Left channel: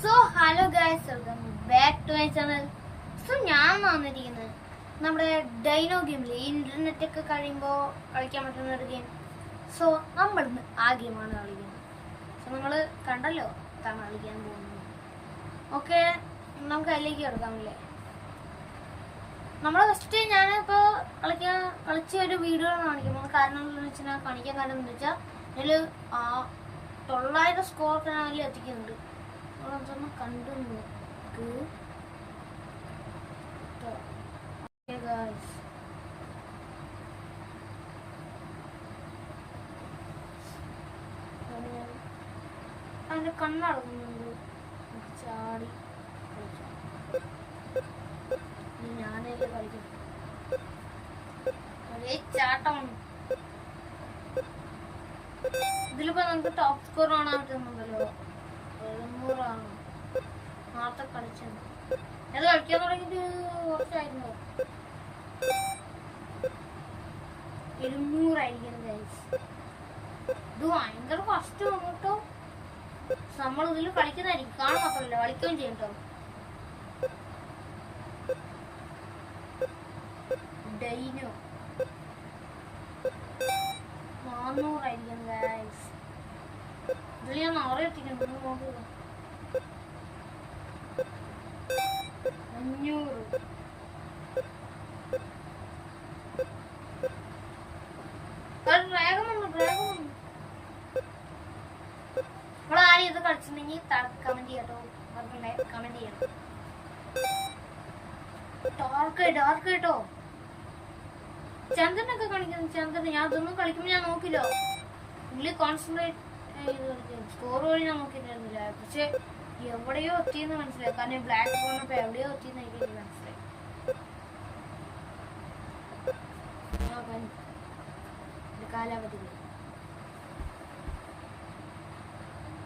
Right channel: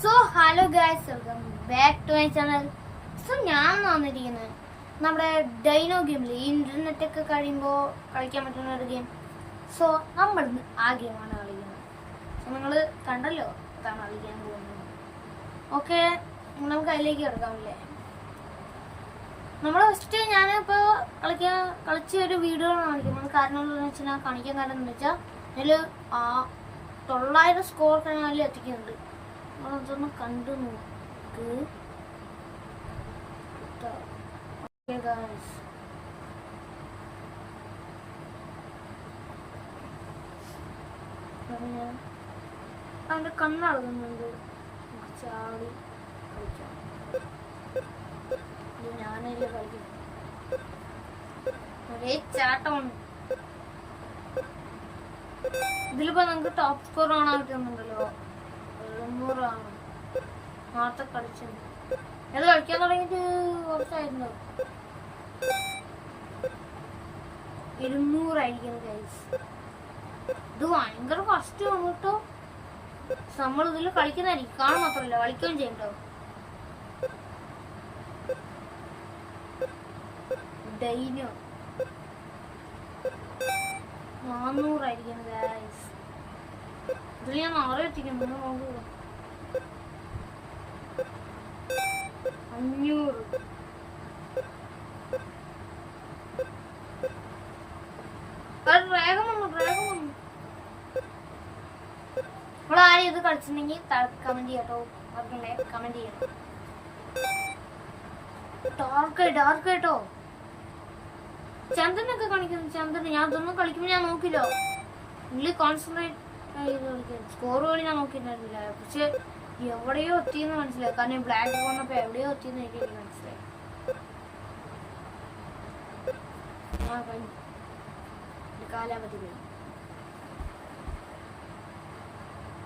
So hello guys, welcome back to my channel. So ഞാൻ വന്നിരിക്കുന്നത് നമ്മുടെ ഡൈനോ ഗെയിമില് ഇന്റർനെറ്റ് ഒക്കെ കഴിയുമ്പോൾ കളിക്കാൻ പറ്റുന്ന ഒരു ഗെയിം. സോ നമ്മളിന്ന് ആ ഗെയിമാണ് കളിക്കുന്നത്. സോ നിങ്ങൾ കണ്ടല്ലോ അതാണ് കളിക്കാൻ പോകുന്നത്. ഓക്കെ, നമുക്ക് അതിലേക്ക് കിടക്കാമില്ലേ. നമ്മൾ ഫസ്റ്റ് ഞാനിപ്പോൾ കളിച്ച ഒരു വീഡിയോ കാണിക്കുന്നത്. കാരണം എന്താണെന്ന് വെച്ചാൽ കാണിക്കാൻ കാരണം എന്താ വെച്ചാൽ ഇതിൽ 900 സ്കോർ ഞാൻ എത്തിക്കുന്നുണ്ട്. അതൊന്ന് കണ്ടു നോക്ക്. അവന്റെ കണ്ണടങ്ങുന്നുണ്ട്. ചാടി കളിക്കാം. ഞാനതിൽ കളിക്കുന്നു. ഒരേ ചാട്ടമാണ്. ഇതിലിപ്പോ നമുക്ക് ടോപ്പ് സ്കോർ കാണാൻ പറ്റുന്നുണ്ടല്ലോ. 700 ആണ്. നേരത്തെ കളിച്ചത് ഇത് കളിക്കാൻ തുടങ്ങിയിട്ട് കുറച്ചായിരുന്നു. 200 ആയിരിക്കും ഗൈസ്. ഇത് ഭയങ്കര കഷ്ടമാണ് കേട്ടോ. നമ്മൾ ഇതിൽ കളിക്കുന്നതായിരിക്കും, കാണാൻ മാത്രമല്ല കളിക്കുകയും ചെയ്യട്ടോ. ഡൈനോ 400 ആയിരിക്കും ഗൈസ്. ഇതിൽ ഞാൻ 6 എത്തിക്കുന്നു. നോക്കുക, 500. വേഗം വന്നു. നമ്മൾ ആരും ഇത് കളിച്ചിട്ടുണ്ടെങ്കിൽ കമന്റ് ചെയ്യാട്ടോ. അവർക്കുണ്ടെ കമന്റ് ചെയ്യണം. ഡാർക്ക് കേട്ടോ. ചന്ദ്രനൊക്കെ കാണിക്കുന്നു. ചന്ദ്രൻ ഞാൻ ഇതൊന്നും കളിക്കുമ്പോൾ ഞാൻ നോക്കില്ലോ. ഇതിൽ കോൺസെൻട്രേറ്റ് ചെയ്ത് കളിക്കുന്നു. സ്കോർ വഴി ഞാൻ നോക്കിയിട്ടുണ്ടായിരുന്നില്ല. പക്ഷെ എവിടെയോ എത്തിയെന്ന് മനസ്സിലായി. കാരണം ബ്ലാക്ക് പോകുന്നപ്പോ എവിടെയോ എത്തിയെന്ന് എനിക്ക് മനസ്സിലായി. കാലാവധി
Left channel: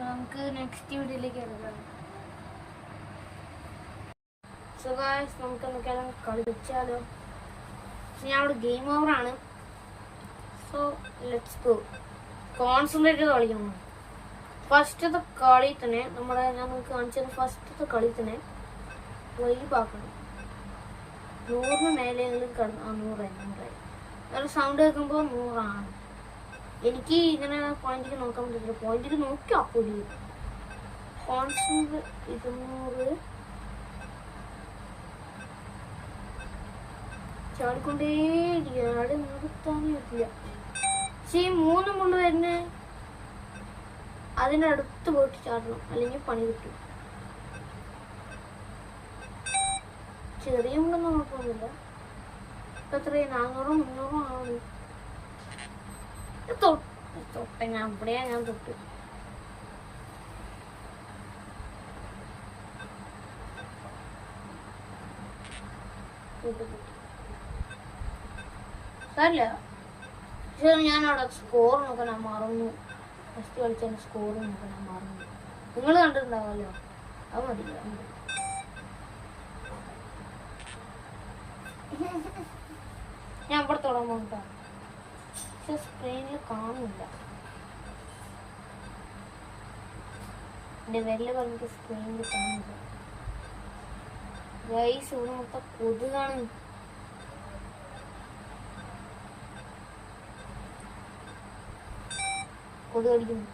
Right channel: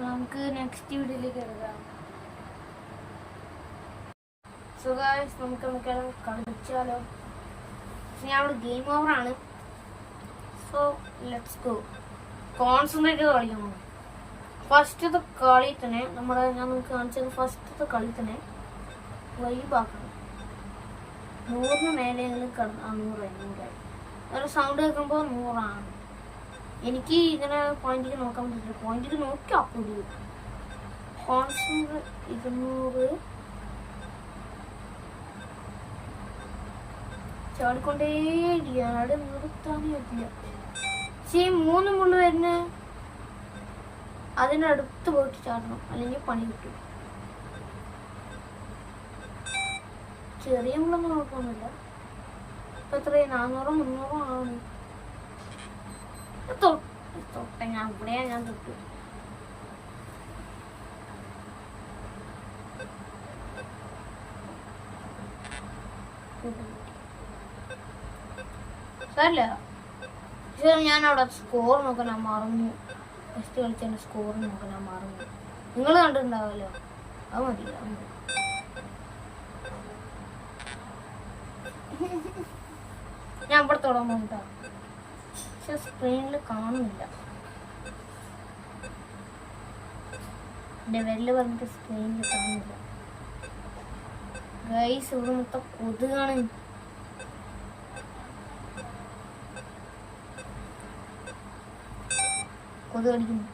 നമുക്ക് നെക്സ്റ്റ് വീഡിയോയിലേക്ക് എടുക്കാം. സോ ഗൈസ്, നമുക്ക് എന്തൊക്കെയാലും കളിച്ചാലോ. ഞാൻ ഇവിടെ ഗെയിം ഓവർ ആണ്. So let's go. കോൺസെൻട്രേറ്റ് ചെയ്ത് കളിക്കണം. ഫസ്റ്റത്തെ കളി തന്നെ ഞാൻ നിങ്ങൾക്ക് കാണിച്ചത്. ഫസ്റ്റത്തെ കളി തന്നെ വൈബാക്കണം. 100 മേലെങ്കിലും കടന്ന് 100 ഒരു സൗണ്ട് കേൾക്കുമ്പോൾ 100 ആണ്. എനിക്ക് ഇങ്ങനെ പോയിന്റിക്ക് നോക്കാൻ പറ്റില്ല. പോയിന്റിക്ക് നോക്കി അപ്പൊടി കോൺസെൻട്രേറ്റ് 200 ചാടിക്കൊണ്ടേയിരിക്കുക. അവിടെ നിർത്താനേ പറ്റില്ല. പക്ഷേ ഈ 3 മുള്ളു വരുന്ന അതിൻ്റെ അടുത്ത് പോയിട്ട് ചാടണം, അല്ലെങ്കിൽ പണി കിട്ടും. ചെറിയ മുള്ളൊന്നും കുഴപ്പമൊന്നുമില്ല. ഇപ്പം എത്രയും 400 300 ആണ്. തൊട്ട ഞാൻ ഇവിടെയാ ഞാൻ തൊട്ട്. സാരില്ല. പക്ഷെ ഞാൻ അവിടെ സ്കോർ നോക്കാൻ മറന്നു. ഫസ്റ്റ് കളിച്ചതിന്റെ സ്കോർ നോക്കാൻ മറന്നു. നിങ്ങൾ കണ്ടിട്ടുണ്ടാവുമല്ലോ. അത് മതി. ഞാൻ ഇവിടെ തൊടാൻ പോകട്ടോ. പക്ഷെ സ്ക്രീനിൽ കാണുന്നില്ല. എന്റെ വിരല് പറഞ്ഞിട്ട് സ്ക്രീനിൽ കാണുന്നില്ല ഗൈസ്. ഇവിടെ മൊത്തം കൊതുകാണ്. കൊതുക് കടിക്കുന്നു.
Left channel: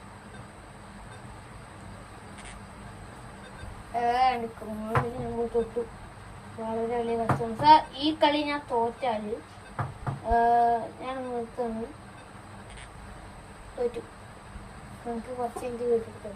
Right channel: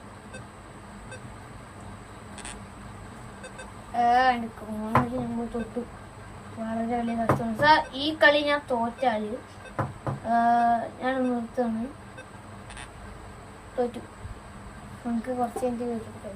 നമ്മൾ തൊട്ടു. വളരെ വലിയ കഷ്ടമാണ്. ഈ കളി ഞാൻ തോറ്റാല് ഞാൻ നിർത്താണ്. തോറ്റു. നമുക്ക് കുറച്ച് കഴിഞ്ഞ് കേട്ടിട്ട്